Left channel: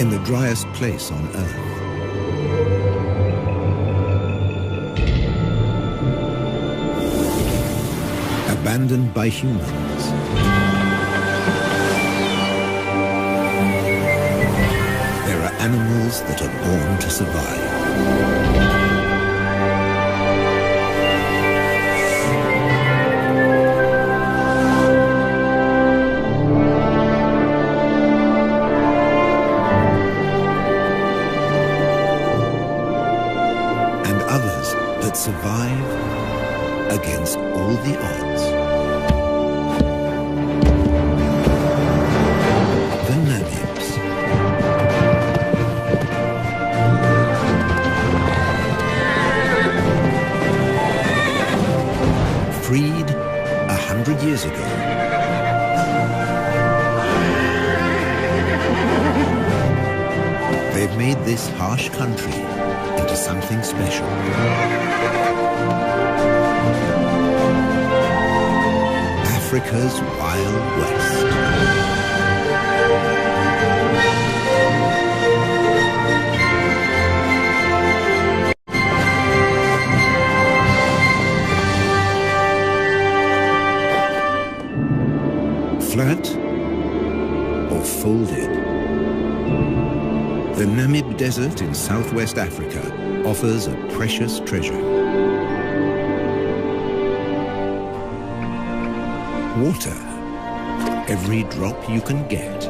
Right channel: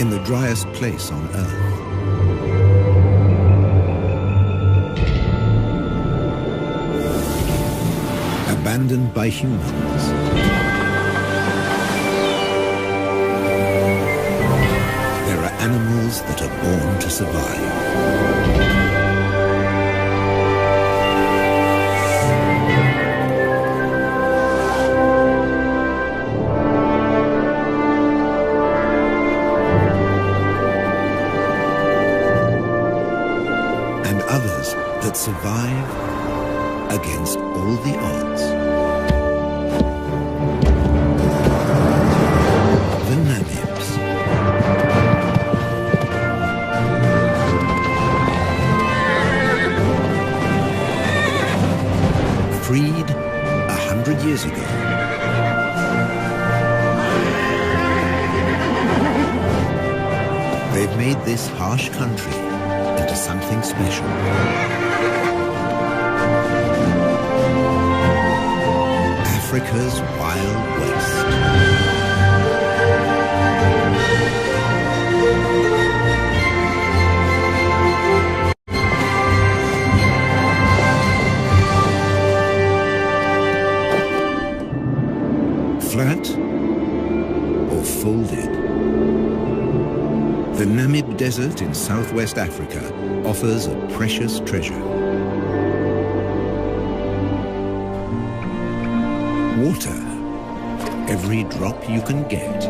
in the driest place on Earth. Abandoned by humans. There are animals that are born to survive. And others that survive against all the odds. The Namibs. Freed 100 years ago. They've made this harsh country into something special. Africa's Wild West. Flat or folded? The Namib Desert in southwest Africa offers a precious treasure. Water, every drop you can get.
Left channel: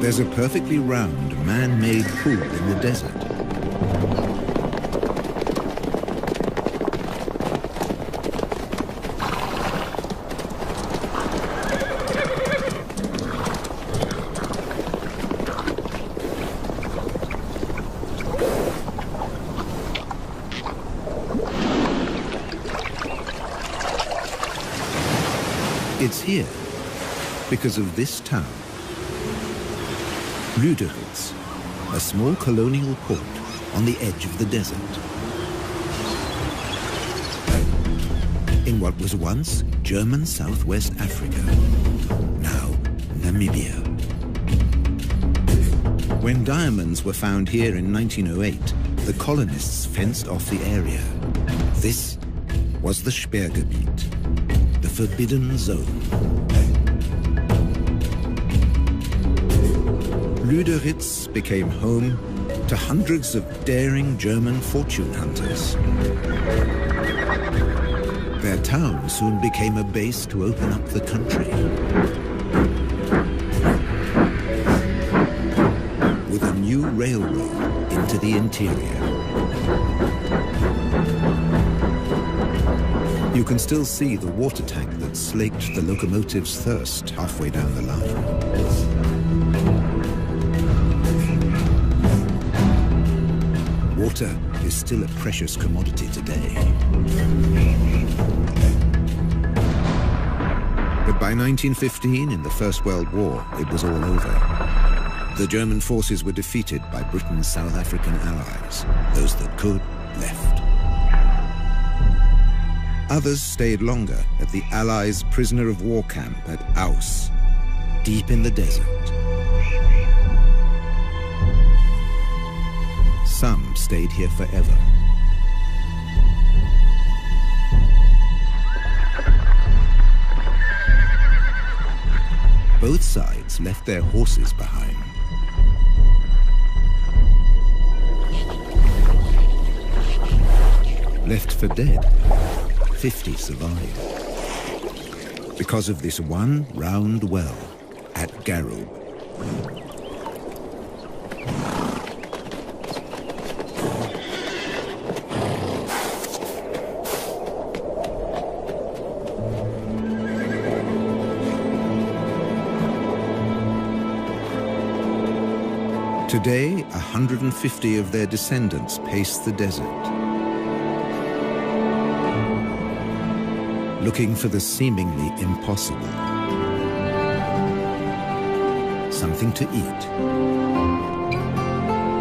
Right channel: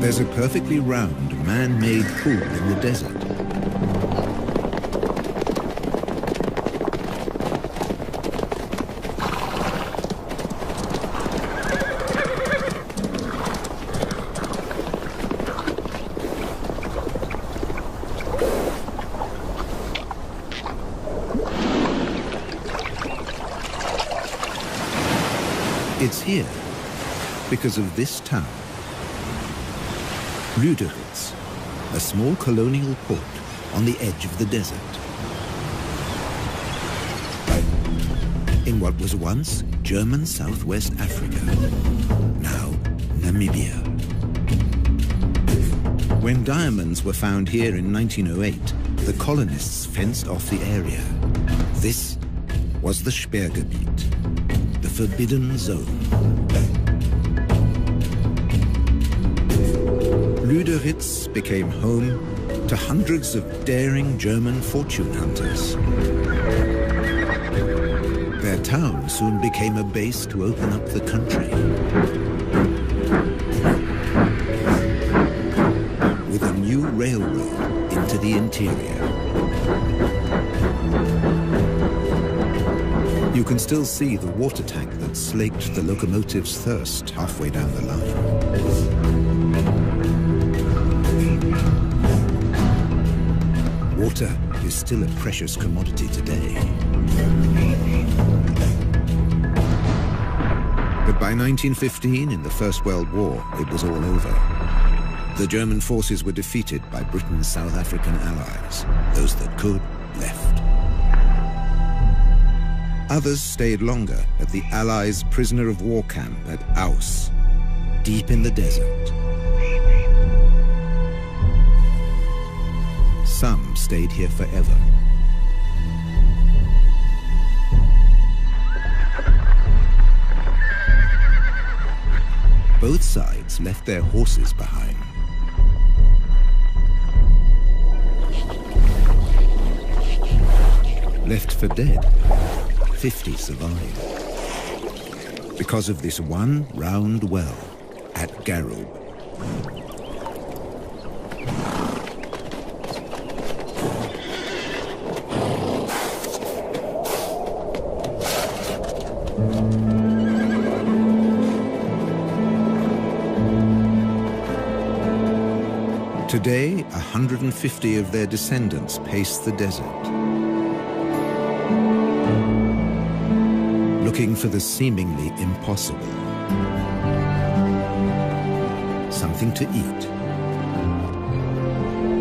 There's a perfectly round, man-made pool in the desert. It's here because of this town. Lüderitz, a small colonial port on the edge of the desert. In what was once German Southwest Africa, now Namibia. When diamonds were found here in 1908, the colonists fenced off the area. This was the Sperrgebiet, the forbidden zone. Lüderitz became home to hundreds of daring German fortune hunters. Their town soon became a base to open up the country. With a new railroad into the interior. You can still see the water tank that slaked the locomotive's thirst halfway down the line. Water is still a precious commodity today. But by 1915, in the First World War, it was all over. The German forces were defeated by Britain's South African allies. Those that could, left. Others stayed longer at the Allies' prisoner of war camp at Aus, deep in the desert. Some stayed here forever. Both sides left their horses behind. Left for dead, 50 survived. Because of this one round well at Garub. Today, 150 of their descendants pace the desert, looking for the seemingly impossible. Something to eat,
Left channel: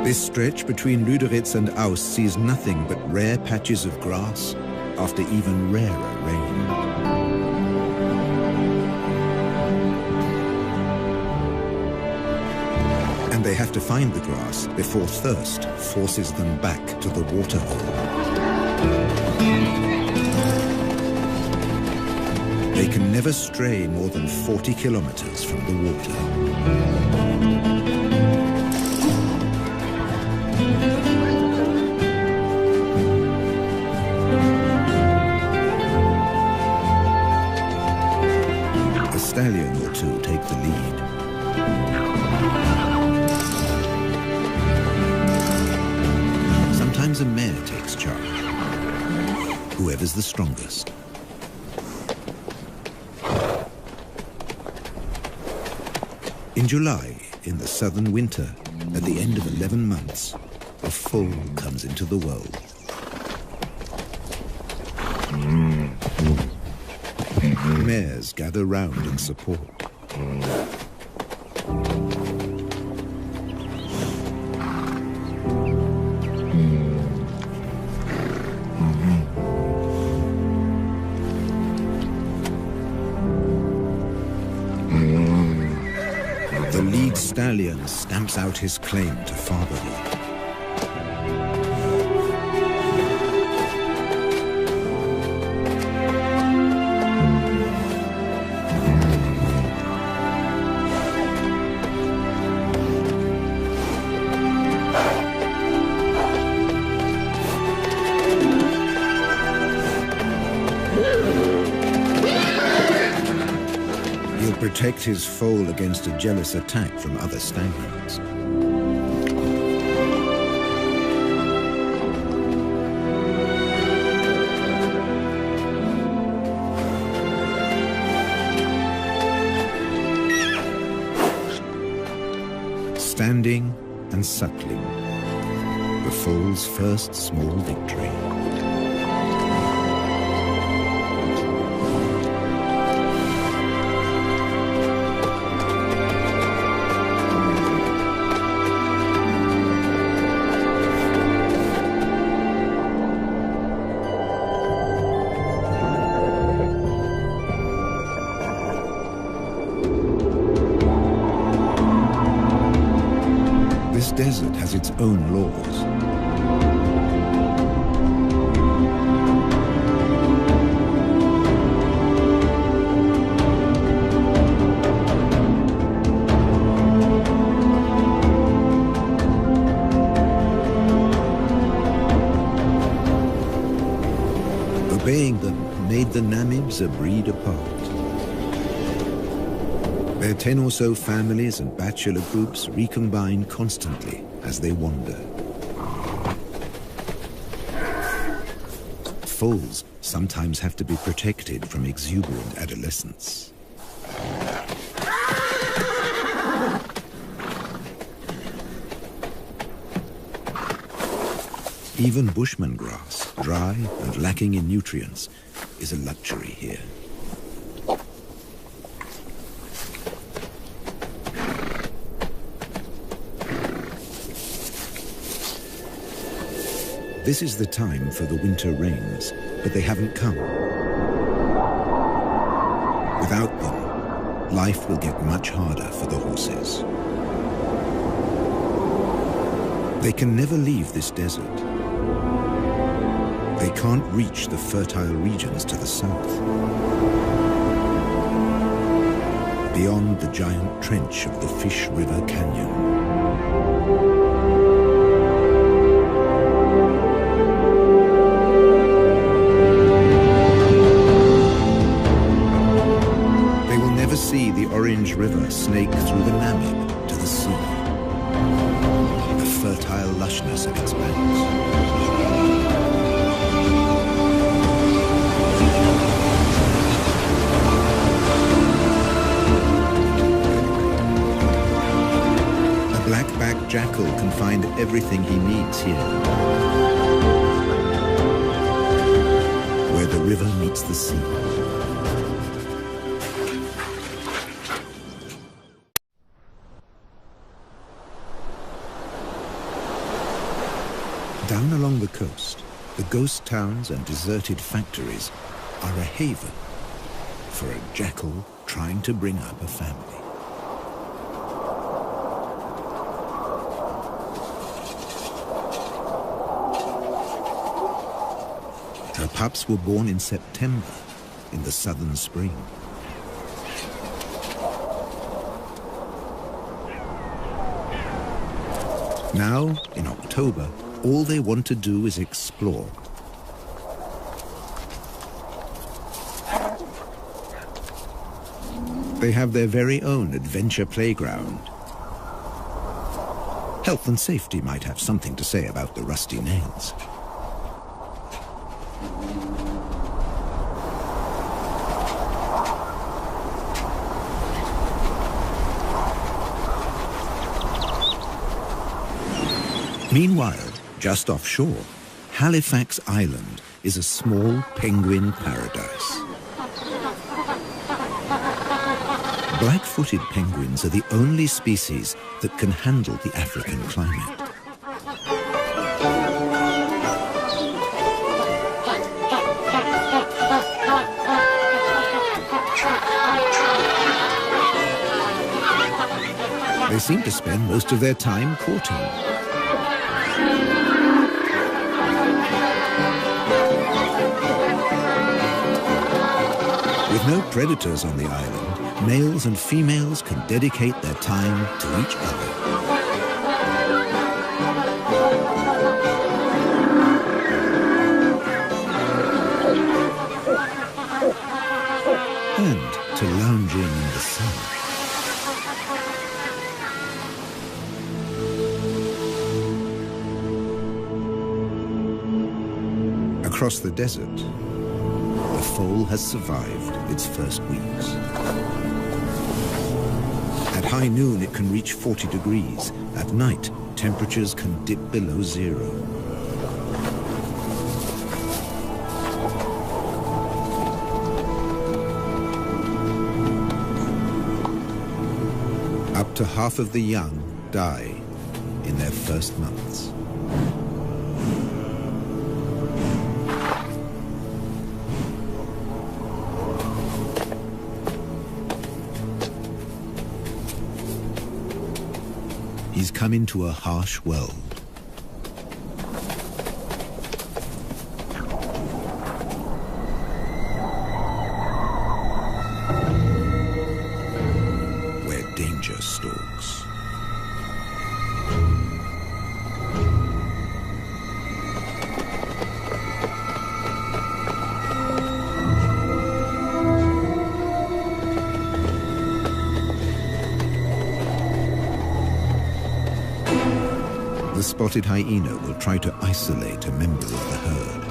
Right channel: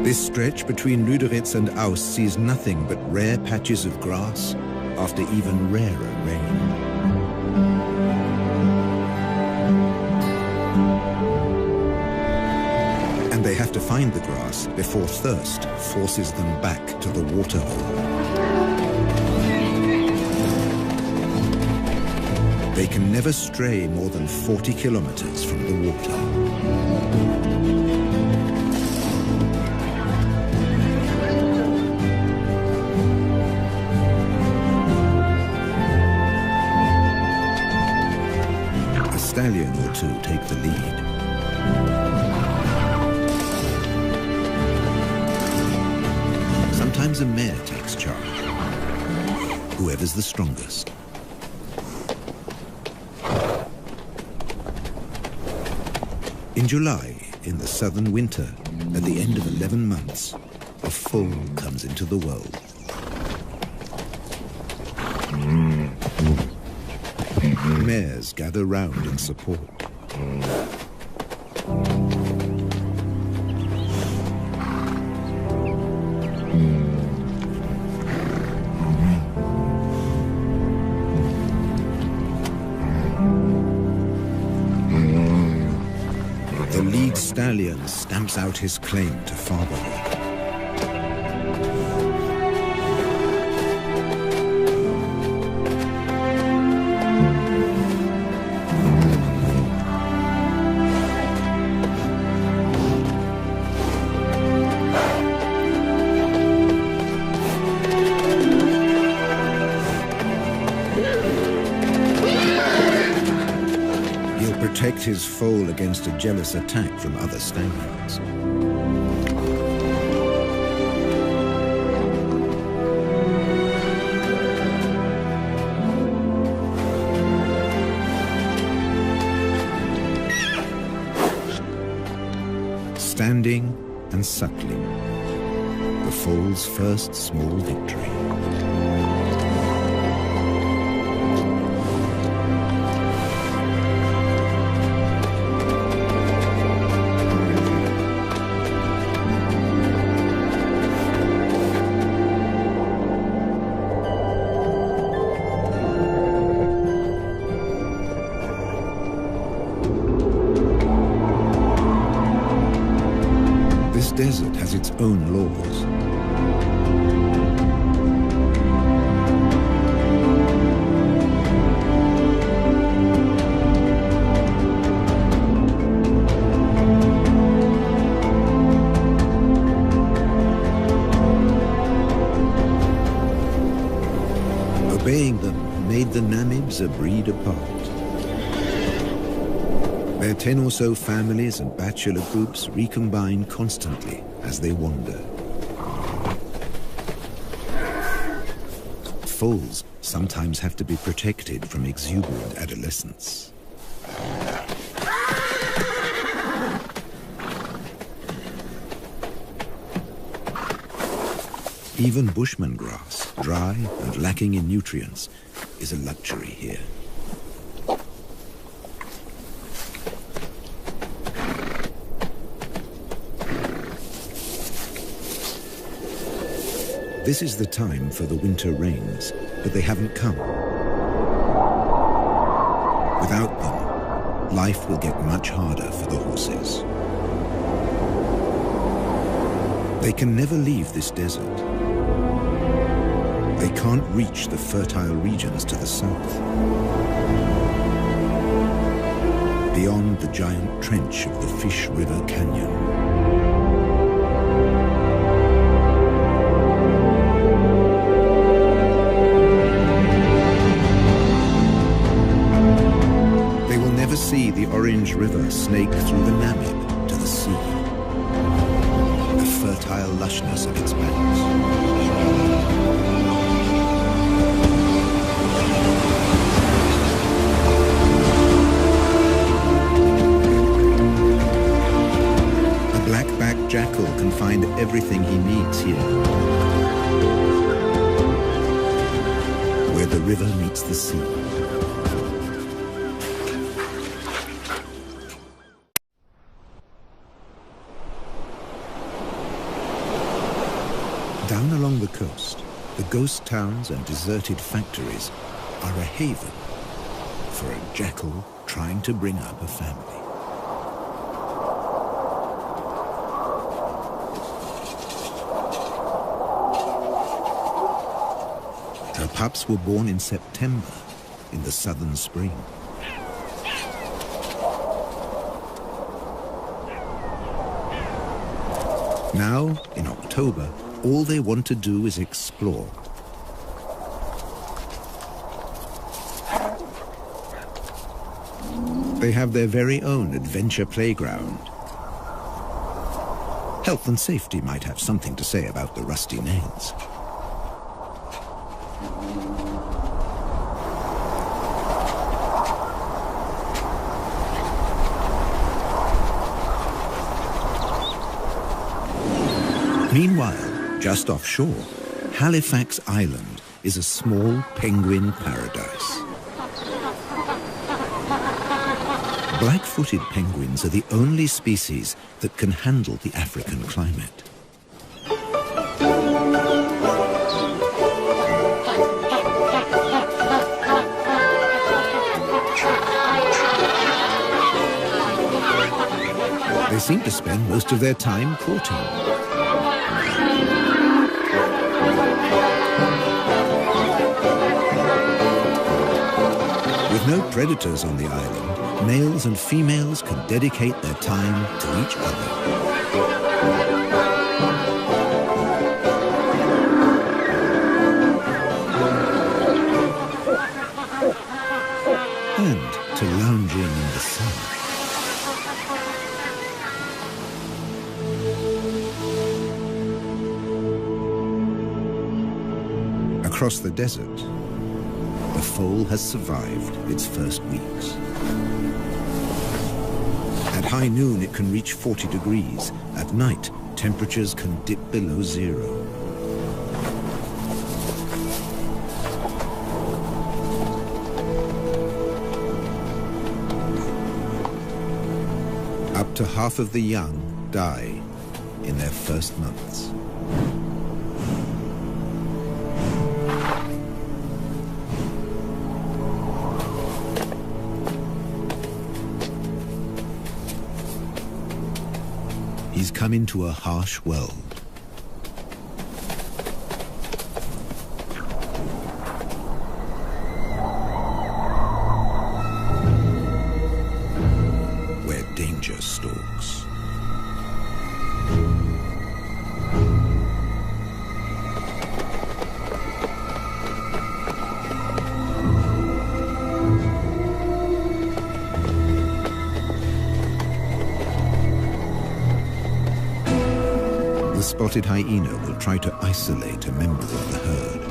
This stretch between Lüderitz and Aus sees nothing but rare patches of grass after even rarer rain. And they have to find the grass before thirst forces them back to the waterhole. They can never stray more than 40 kilometers from the water. A stallion or two take the lead. Sometimes a mare takes charge, whoever's the strongest. In July, in the southern winter, at the end of 11 months, a foal comes into the world. Mares gather round in support. The lead stallion stamps out his claim to fatherhood. He'll protect his foal against a jealous attack from other stallions. Standing and suckling, the foal's first small victory. This desert has its own laws. Obeying them made the Namibs a breed apart. Their 10 or so families and bachelor groups recombine constantly as they wander. Foals sometimes have to be protected from exuberant adolescents. Even bushman grass, dry and lacking in nutrients, is a luxury here. This is the time for the winter rains, but they haven't come. Without them, life will get much harder for the horses. They can never leave this desert. They can't reach the fertile regions to the south. Beyond the giant trench of the Fish River Canyon. They will never see the Orange River snake through the Namib to the sea. The fertile lushness of its banks. A black-backed jackal can find everything he needs here, where the river meets the sea. Down along the coast, the ghost towns and deserted factories are a haven for a jackal trying to bring up a family. Her pups were born in September, in the southern spring. Now, in October, all they want to do is explore. They have their very own adventure playground. Health and safety might have something to say about the rusty nails. Meanwhile, just offshore, Halifax Island is a small penguin paradise. Black-footed penguins are the only species that can handle the African climate. They seem to spend most of their time courting. With no predators on the island, males and females can dedicate their time to each other. And to lounging in the sun. Across the desert, the foal has survived its first weeks. At high noon, it can reach 40 degrees. At night, temperatures can dip below zero. Up to half of the young die in their first months. He's come into a harsh world. Where danger stalks. The spotted hyena will try to isolate a member of the herd.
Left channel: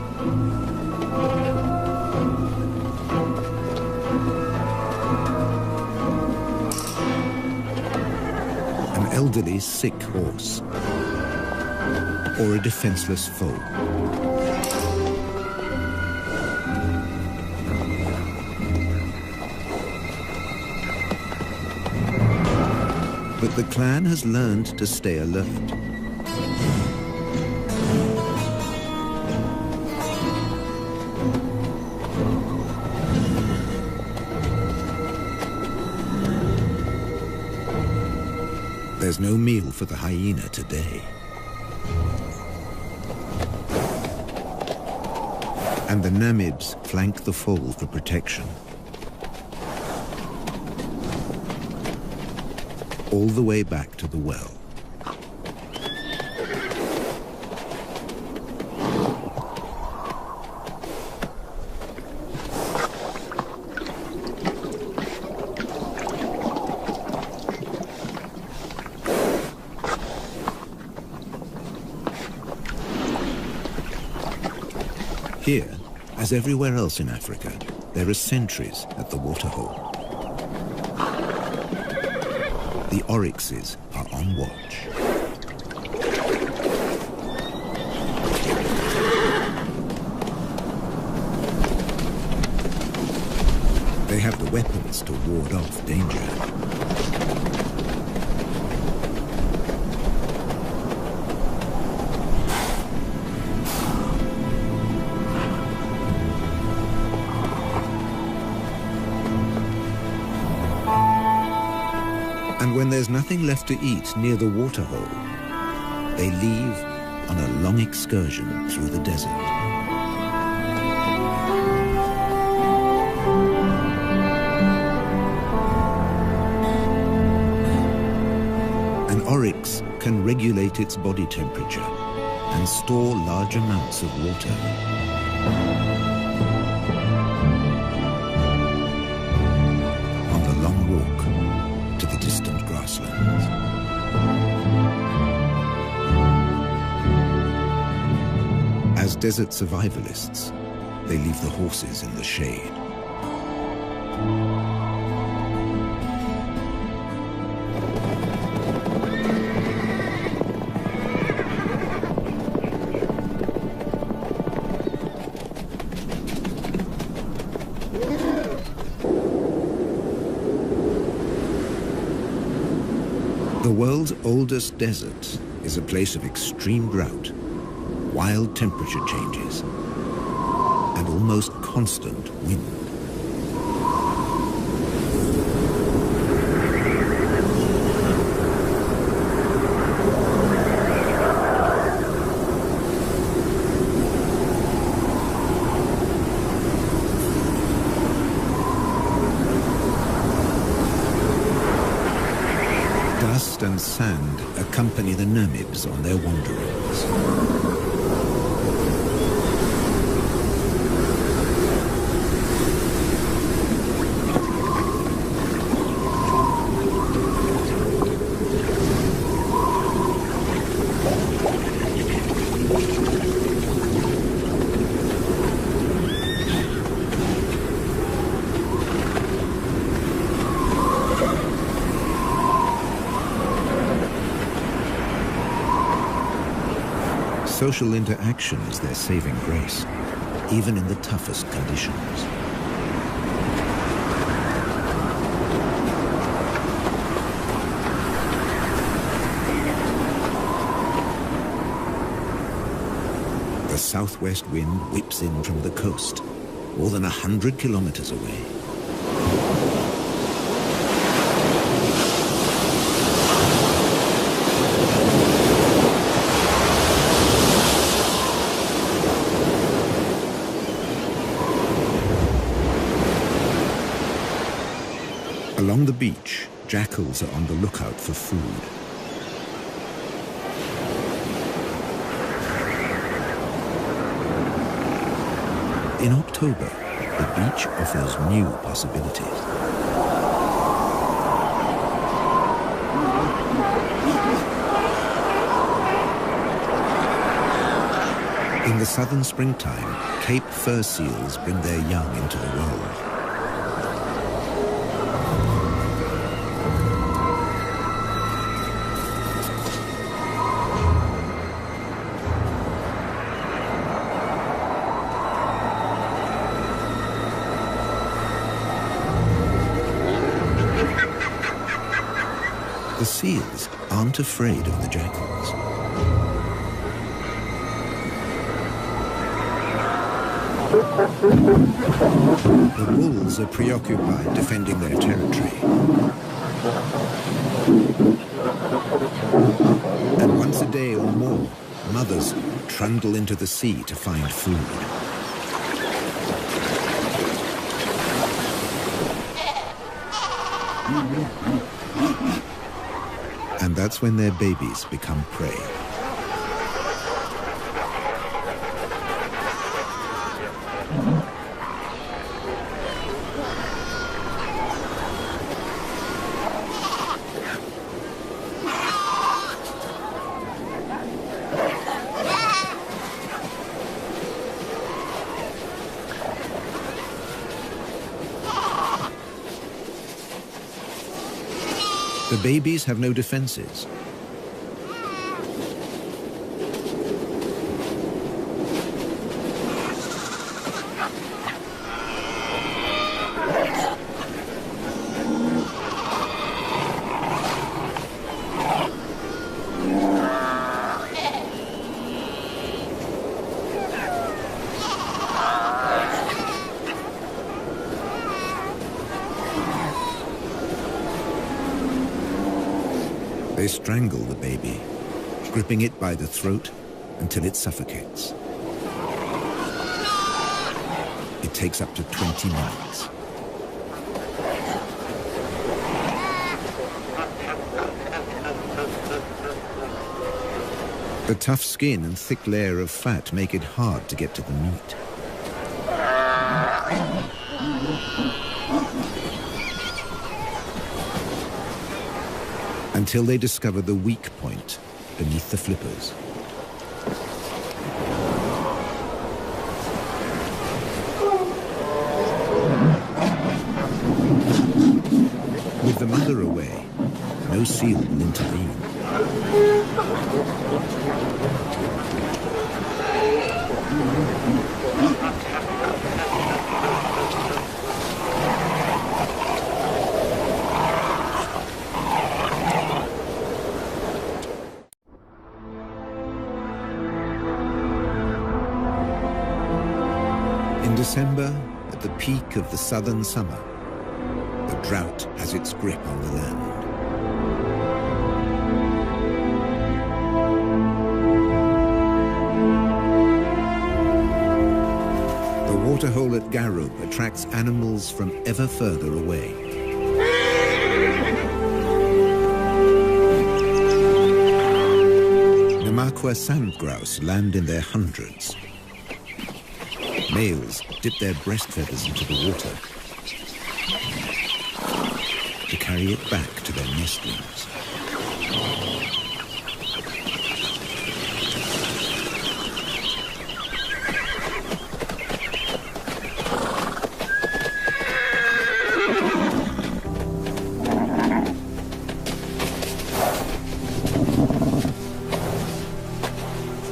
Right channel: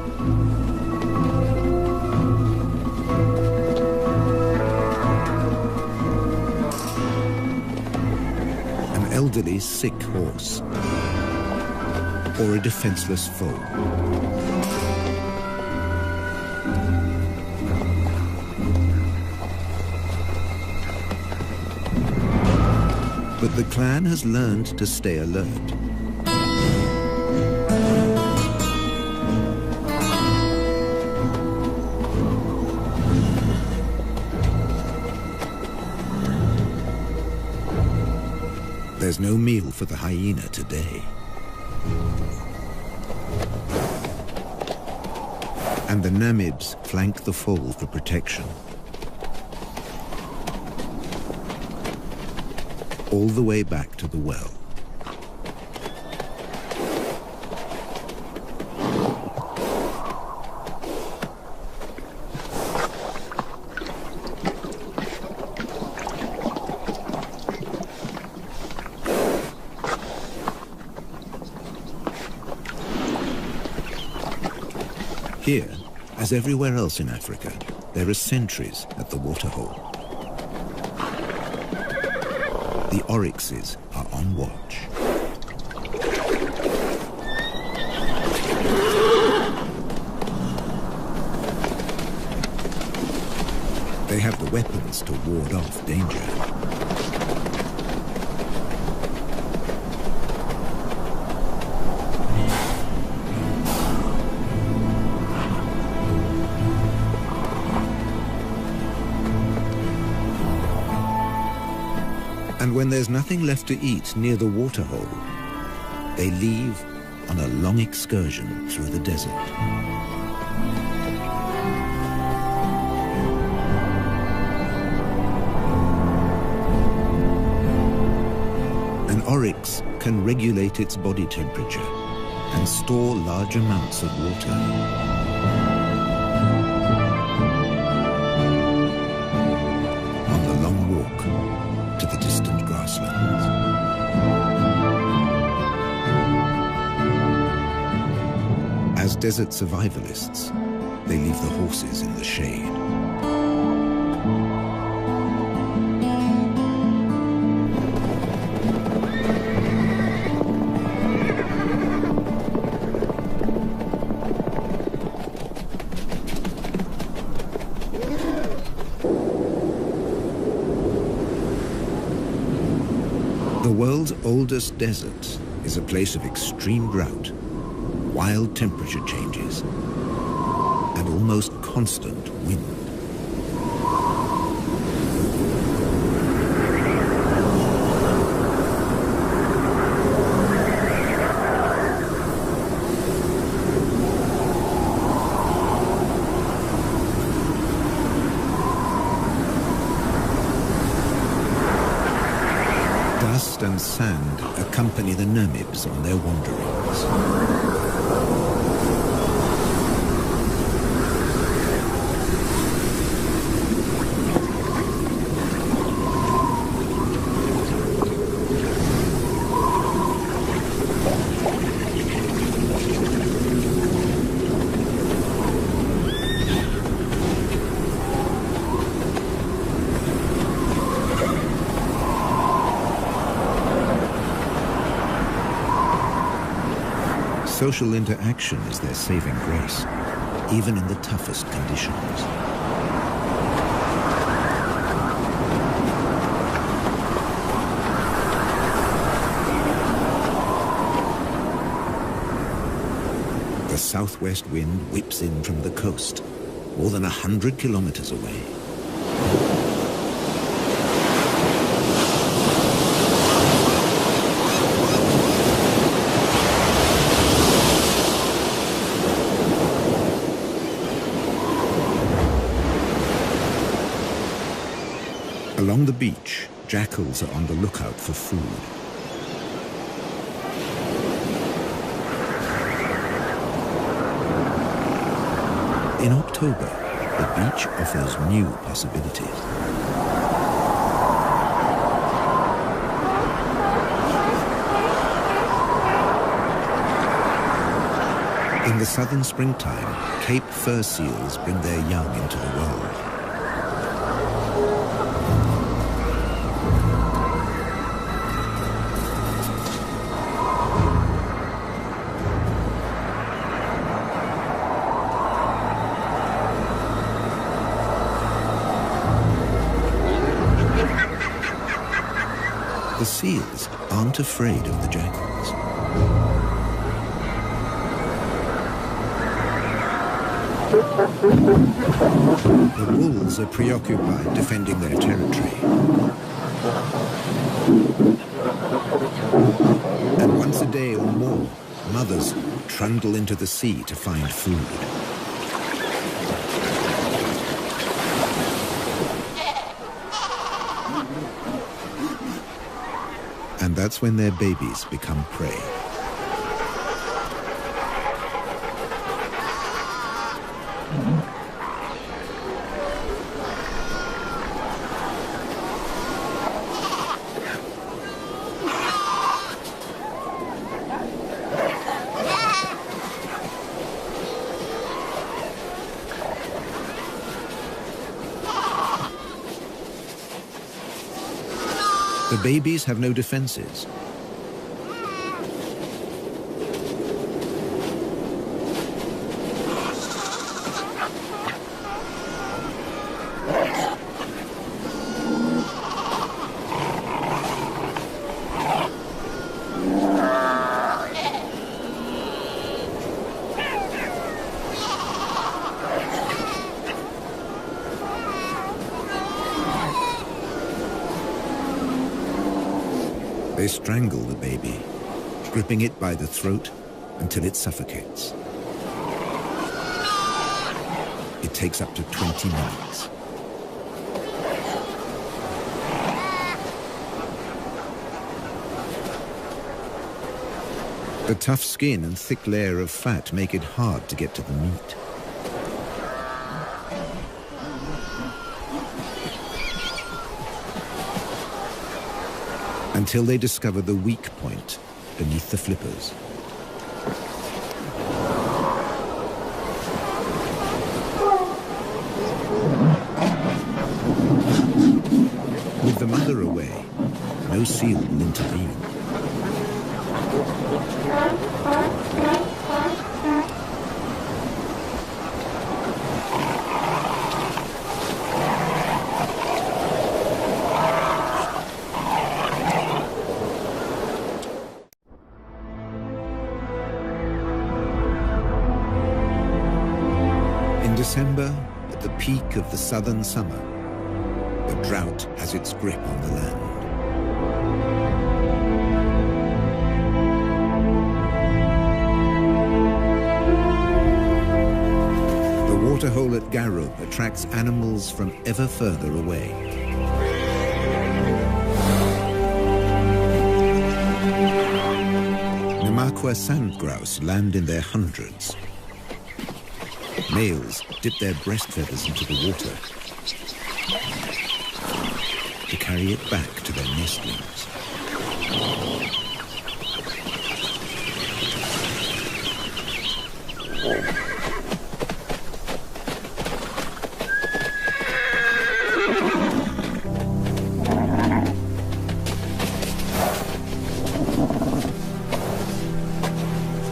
An elderly, sick horse, or a defenseless foal. But the clan has learned to stay alert. There's no meal for the hyena today. And the Namids flank the foal for protection. All the way back to the well. Here, as everywhere else in Africa, there are sentries at the waterhole. The oryxes are on watch. They have the weapons to ward off danger. And when there's nothing left to eat near the waterhole, they leave on a long excursion through the desert. An oryx can regulate its body temperature and store large amounts of water. On the long walk to the distant grasslands. As desert survivalists, they leave the horses in the shade. The world's oldest desert is a place of extreme drought, wild temperature changes, and almost constant wind. Dust and sand accompany the Namibs on their wanderings. Social interaction is their saving grace, even in the toughest conditions. The southwest wind whips in from the coast, more than 100 kilometers away. Along the beach, jackals are on the lookout for food. In October, the beach offers new possibilities. In the southern springtime, Cape fur seals bring their young into the world. The seals aren't afraid of the jackals. The wolves are preoccupied defending their territory. And once a day or more, mothers trundle into the sea to find food. And that's when their babies become prey. The babies have no defenses. They strangle the baby, gripping it by the throat until it suffocates. It takes up to 20 minutes. The tough skin and thick layer of fat make it hard to get to the meat. Until they discover the weak point beneath the flippers. With the mother away, no seal will intervene. In December, at the peak of the southern summer, the drought has its grip on the land. The waterhole at Garub attracts animals from ever further away. Namakwa sand grouse land in their hundreds. Males dip their breast feathers into the water to carry it back to their nestlings.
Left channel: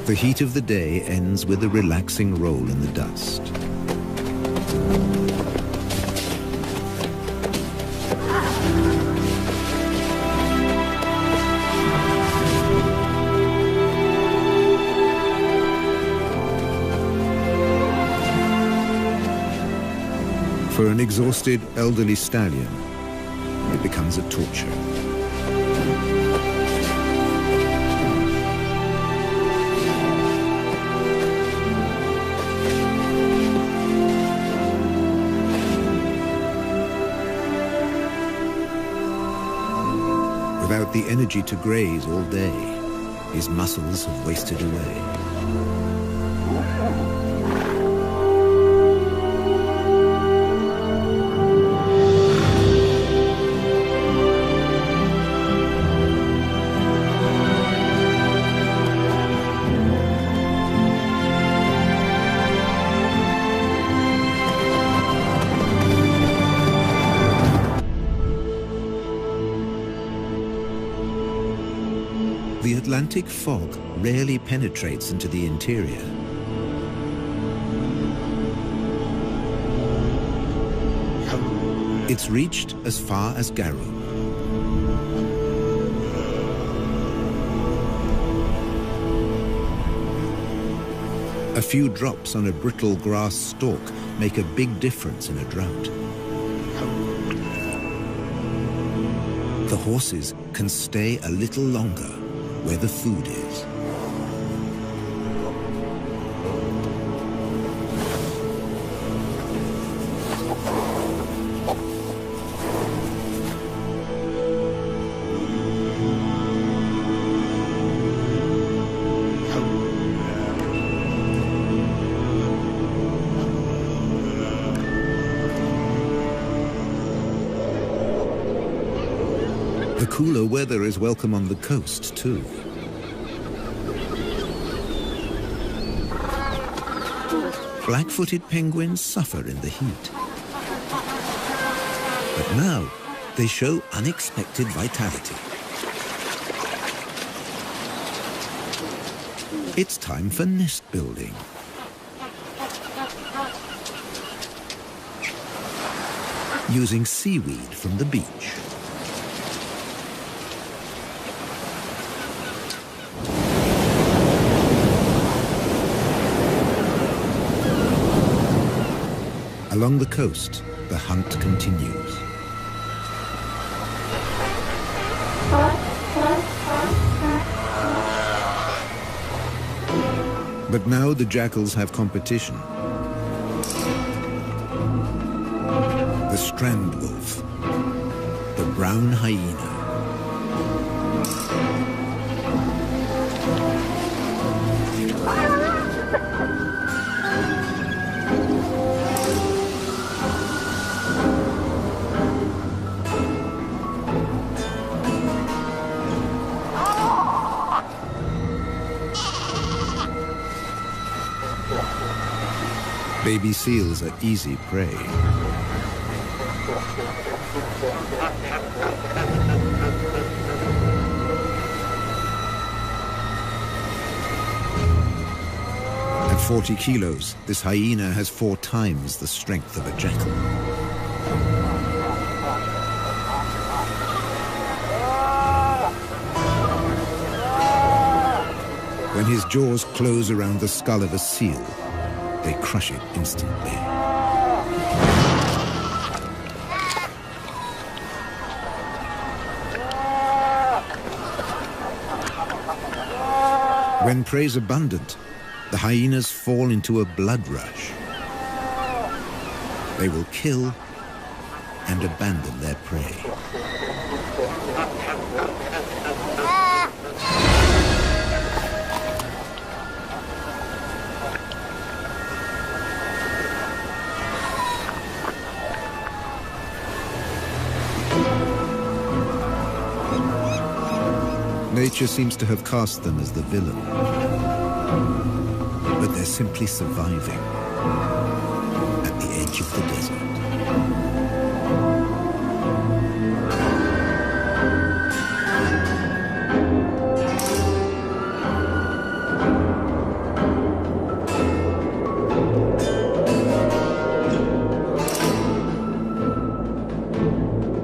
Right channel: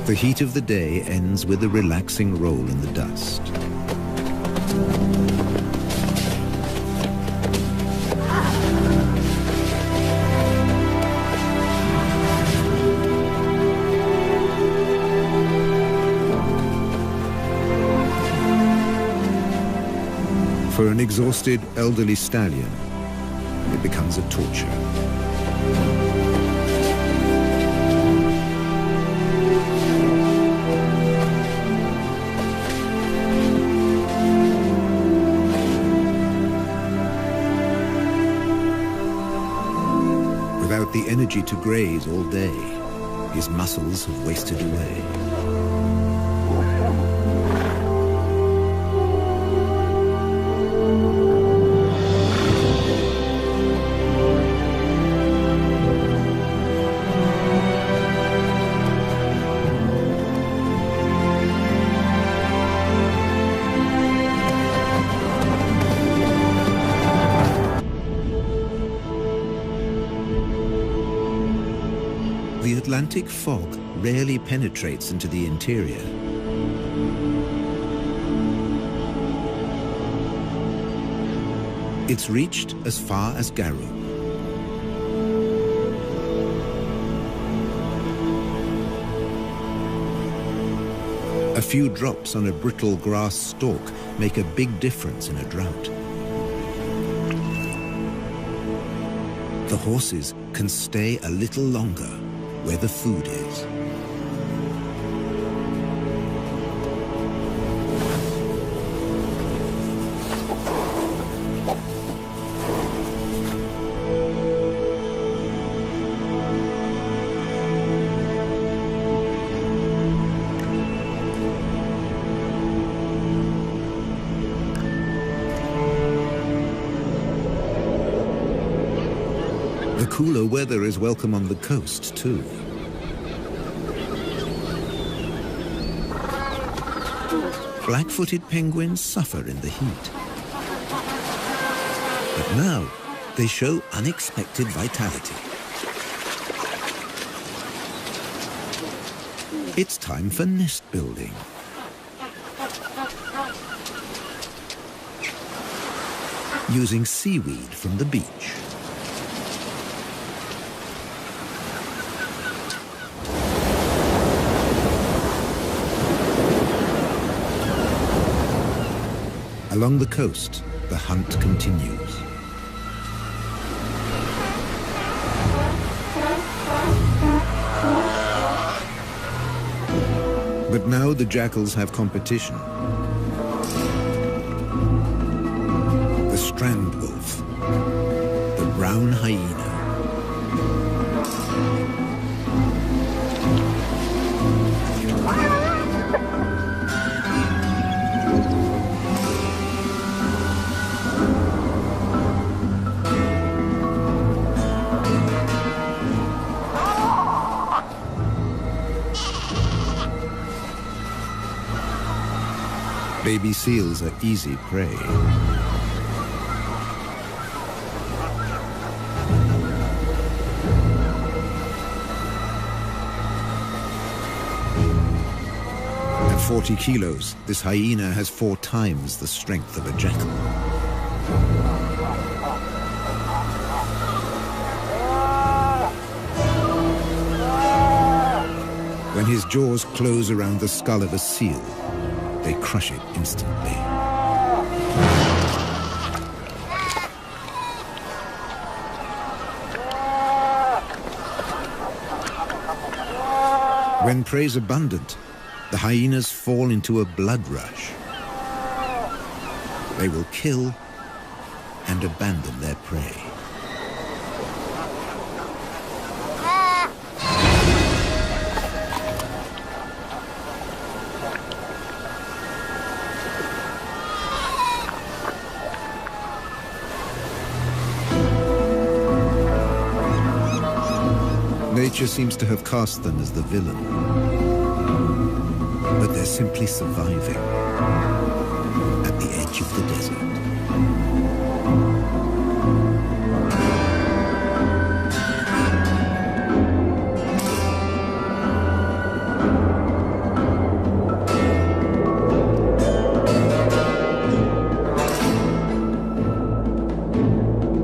The heat of the day ends with a relaxing roll in the dust. For an exhausted elderly stallion, it becomes a torture. Without the energy to graze all day, his muscles have wasted away. The Atlantic fog rarely penetrates into the interior. It's reached as far as Garub. A few drops on a brittle grass stalk make a big difference in a drought. The horses can stay a little longer where the food is. The cooler weather is welcome on the coast, too. Black-footed penguins suffer in the heat. But now, they show unexpected vitality. It's time for nest building. Using seaweed from the beach. Along the coast, the hunt continues. But now the jackals have competition. The strand wolf, the brown hyena. Baby seals are easy prey. At 40 kilos, this hyena has 4 times the strength of a jackal. When his jaws close around the skull of a seal, they crush it instantly. When prey is abundant, the hyenas fall into a blood rush. They will kill and abandon their prey. Nature seems to have cast them as the villain, but they're simply surviving at the edge of the desert.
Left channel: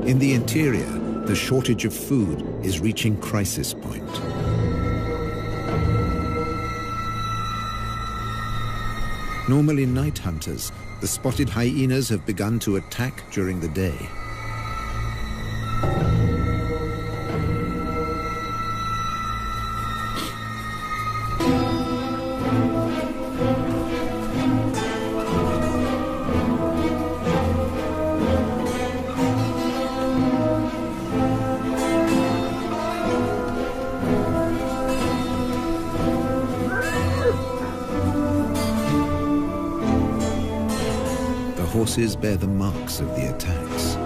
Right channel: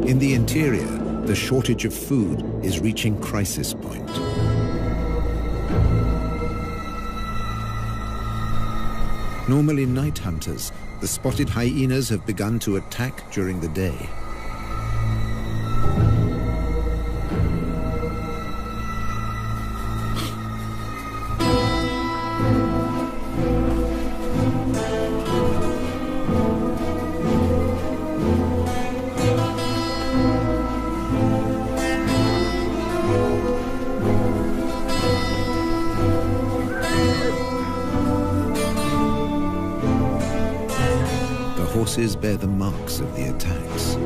In the interior, the shortage of food is reaching crisis point. Normally night hunters, the spotted hyenas have begun to attack during the day. Horses bear the marks of the attacks.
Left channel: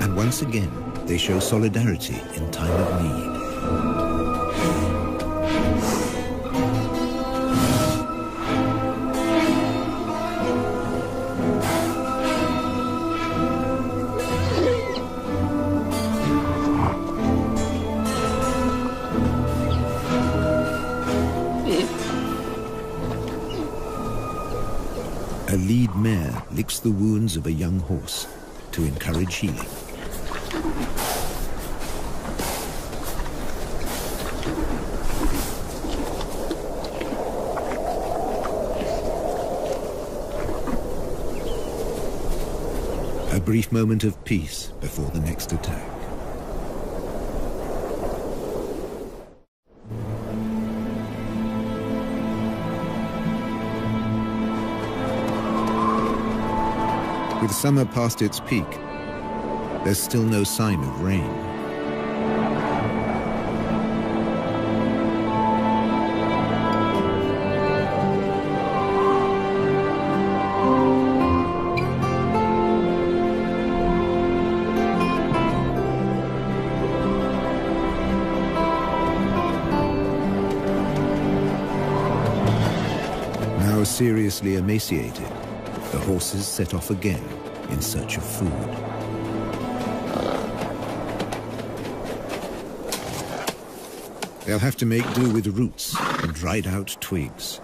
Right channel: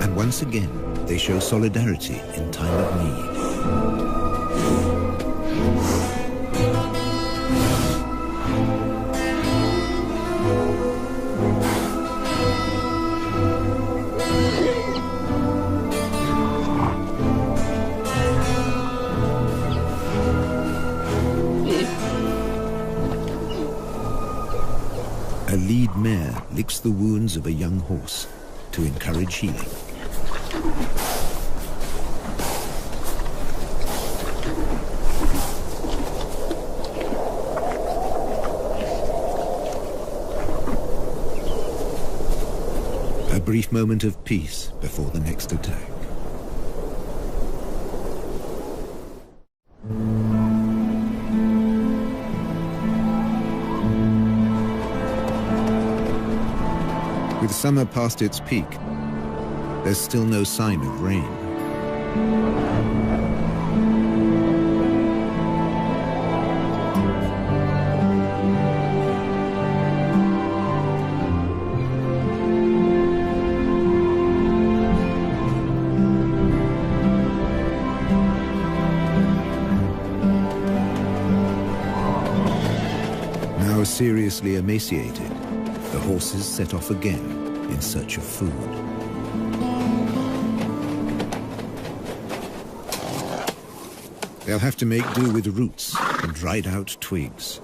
And once again, they show solidarity in time of need. A lead mare licks the wounds of a young horse to encourage healing. A brief moment of peace before the next attack. With summer past its peak, there's still no sign of rain. Now seriously emaciated, the horses set off again in search of food. They'll have to make do with roots and dried out twigs.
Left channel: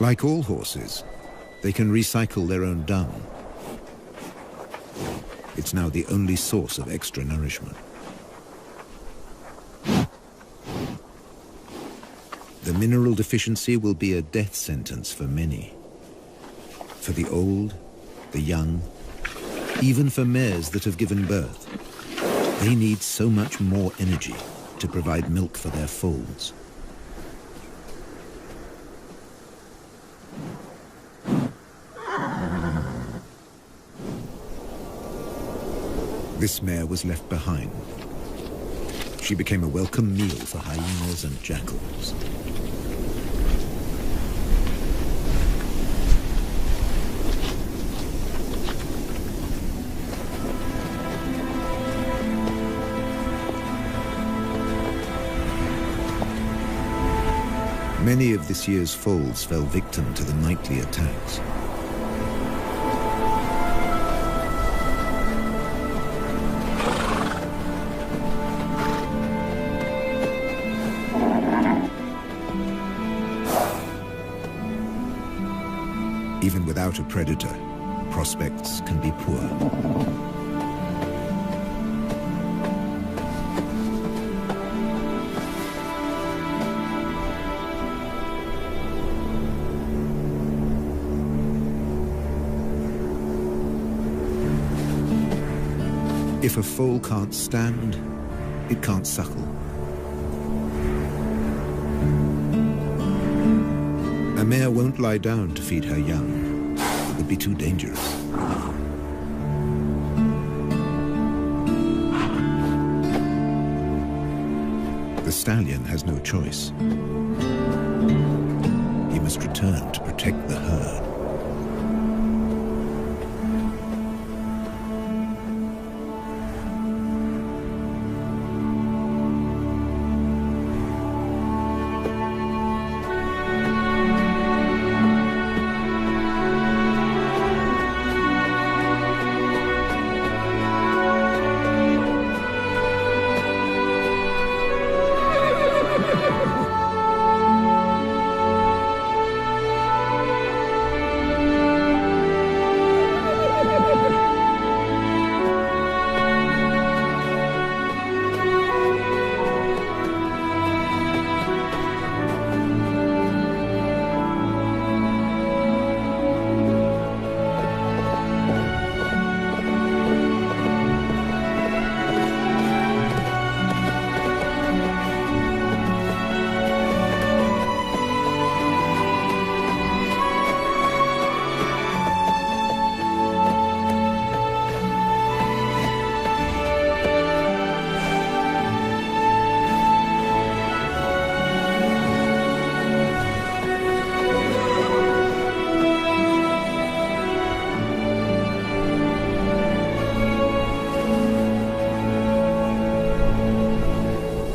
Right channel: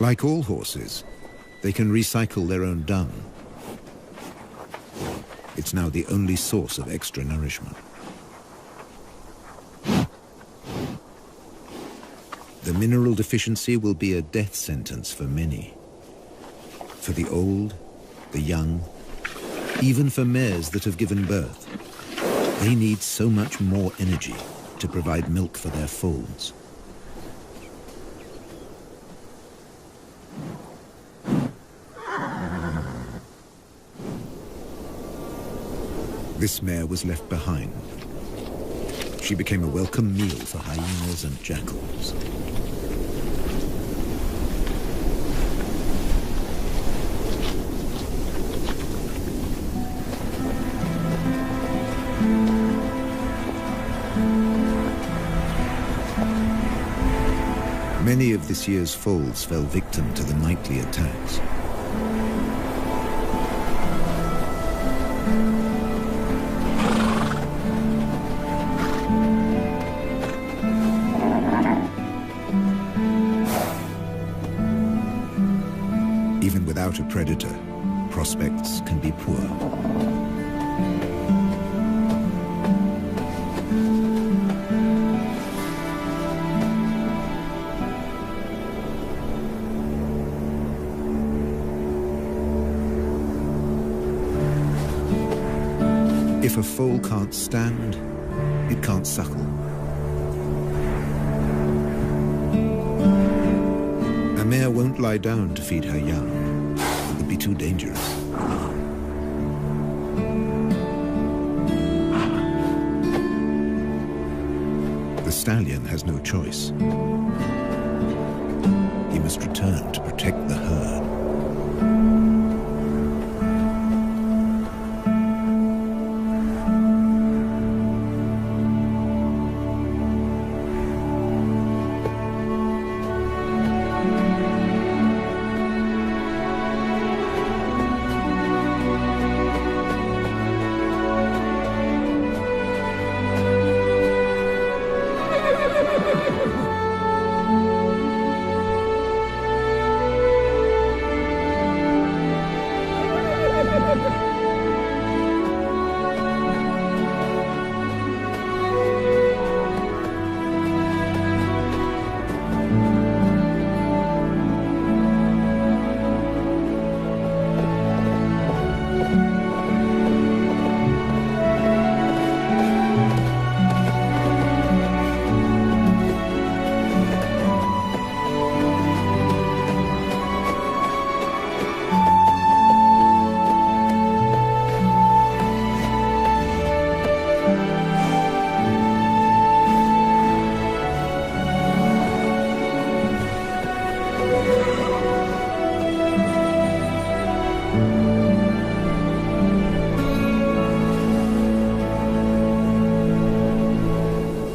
Like all horses, They can recycle their own dung. It's now the only source of extra nourishment. The mineral deficiency will be a death sentence for many. For the old, the young, even for mares that have given birth. They need so much more energy to provide milk for their foals. This mare was left behind. She became a welcome meal for hyenas and jackals. Many of this year's foals fell victim to the nightly attacks. Even without a predator, prospects can be poor. If a foal can't stand, it can't suckle. A mare won't lie down to feed her young. It would be too dangerous. The stallion has no choice. He must return to protect the herd.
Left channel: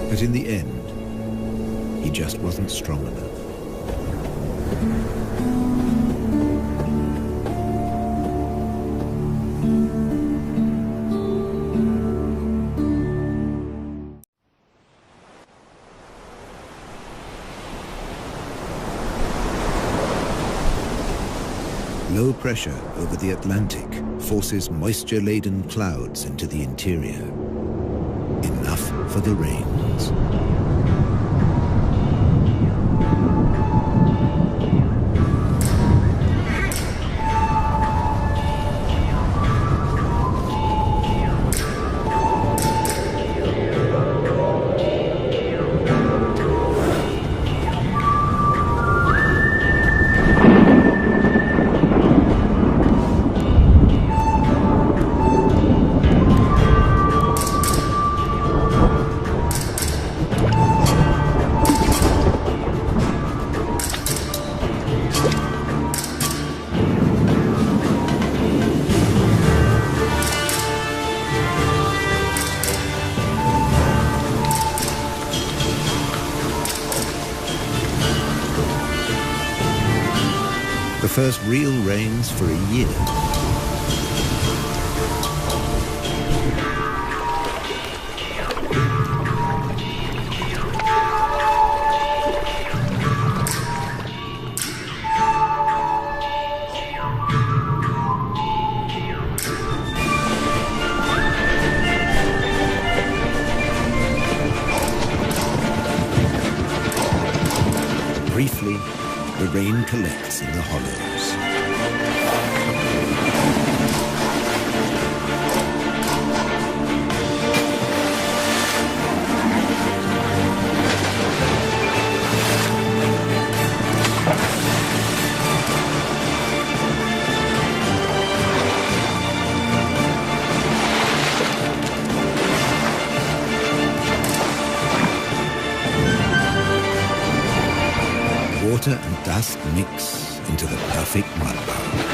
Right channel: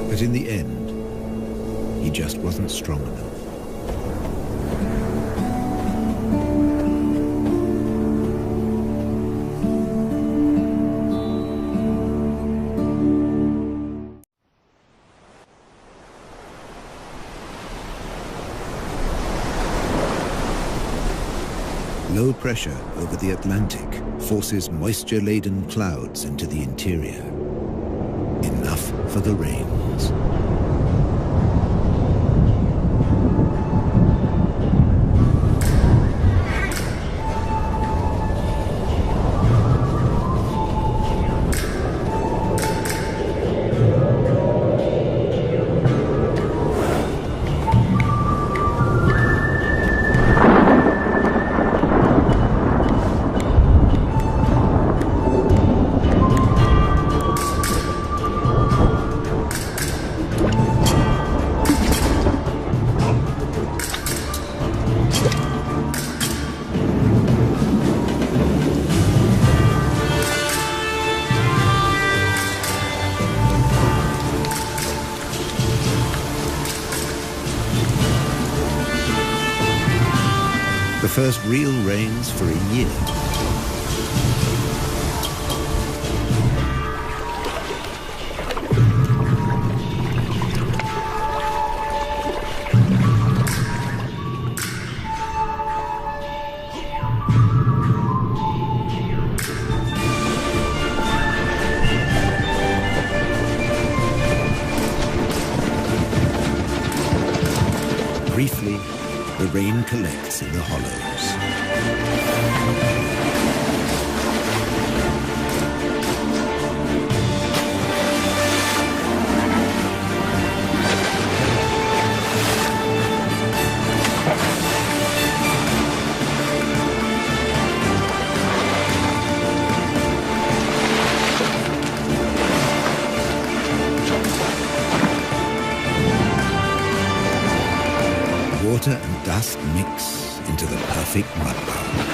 But in the end, he just wasn't strong enough. Low pressure over the Atlantic forces moisture-laden clouds into the interior. Enough for the rains. The first real rains for a year. Briefly, the rain collects in the hollows. Water and dust mix into the perfect mudbowl.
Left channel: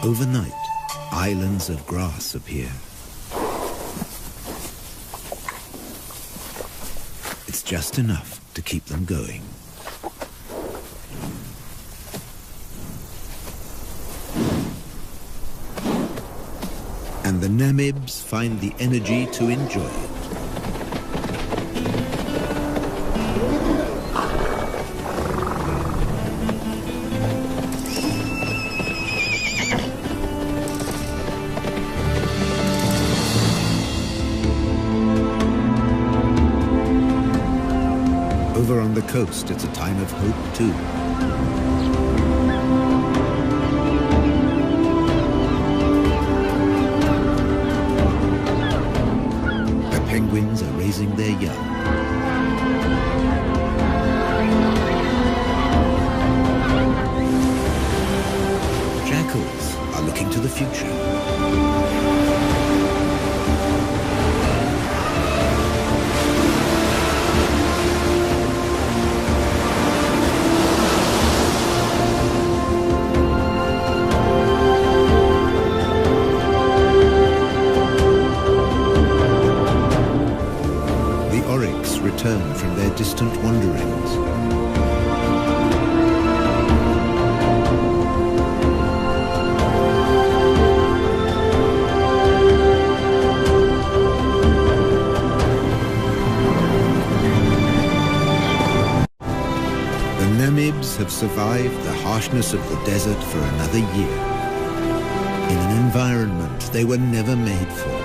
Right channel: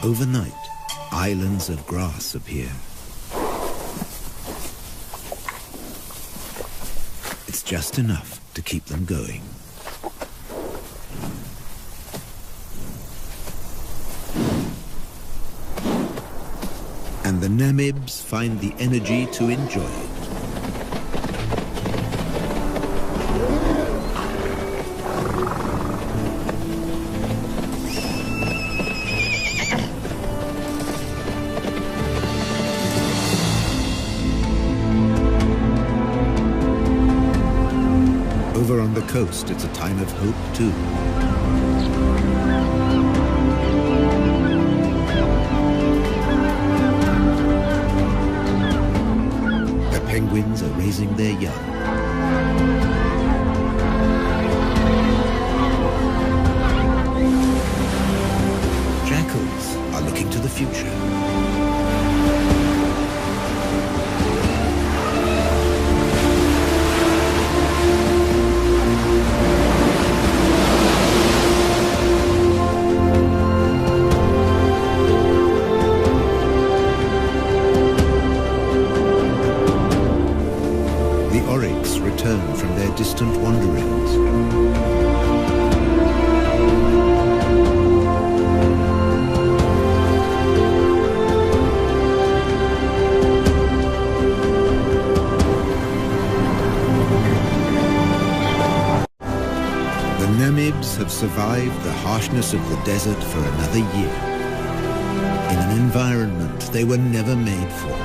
Overnight, islands of grass appear. It's just enough to keep them going. And the Namibs find the energy to enjoy it. Over on the coast, it's a time of hope, too. The penguins are raising their young. Jackals are looking to the future. The oryx return from their distant wanderings. The Namibs have survived the harshness of the desert for another year, in an environment they were never made for.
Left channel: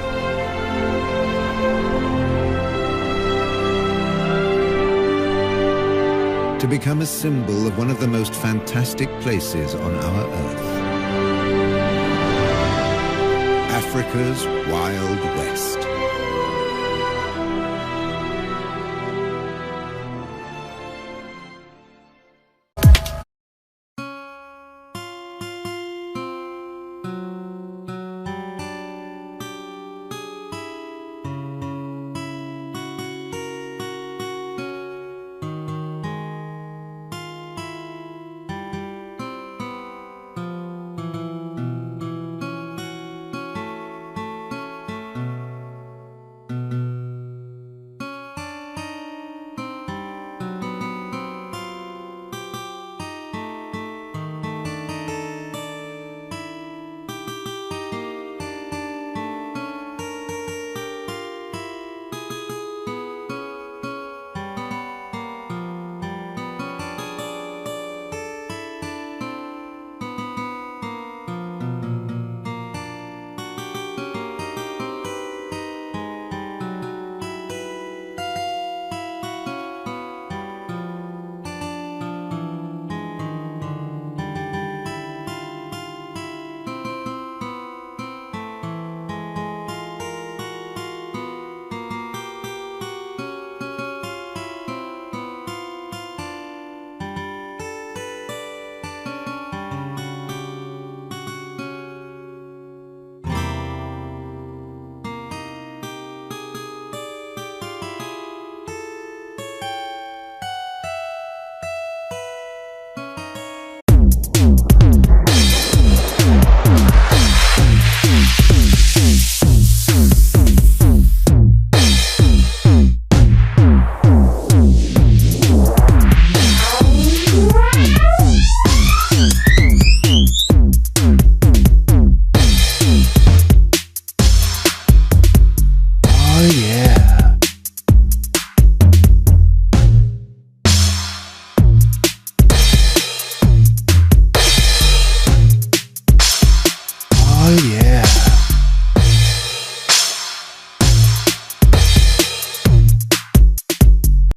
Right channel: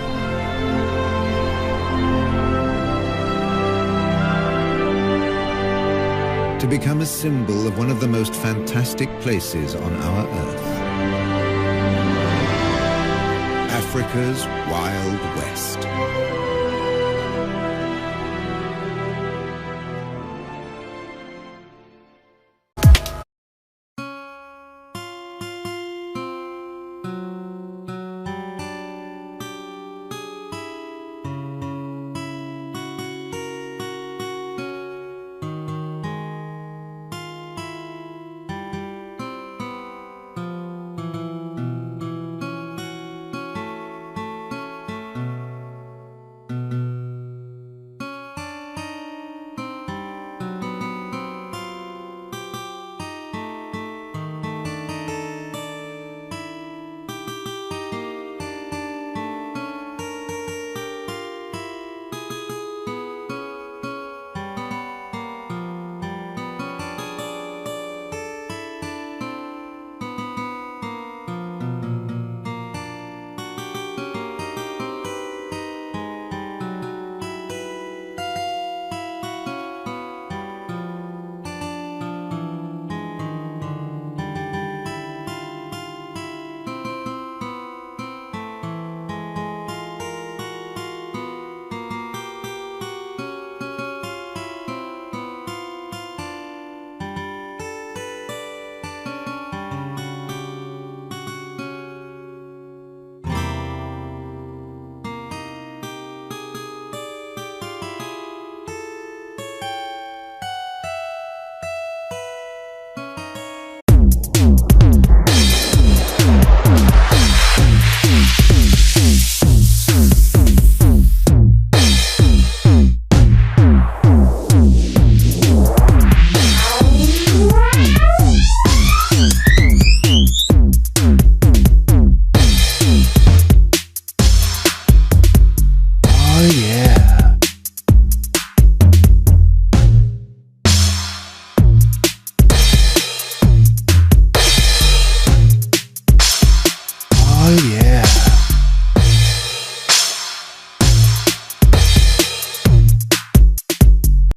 To become a symbol of one of the most fantastic places on our Earth. Africa's Wild West.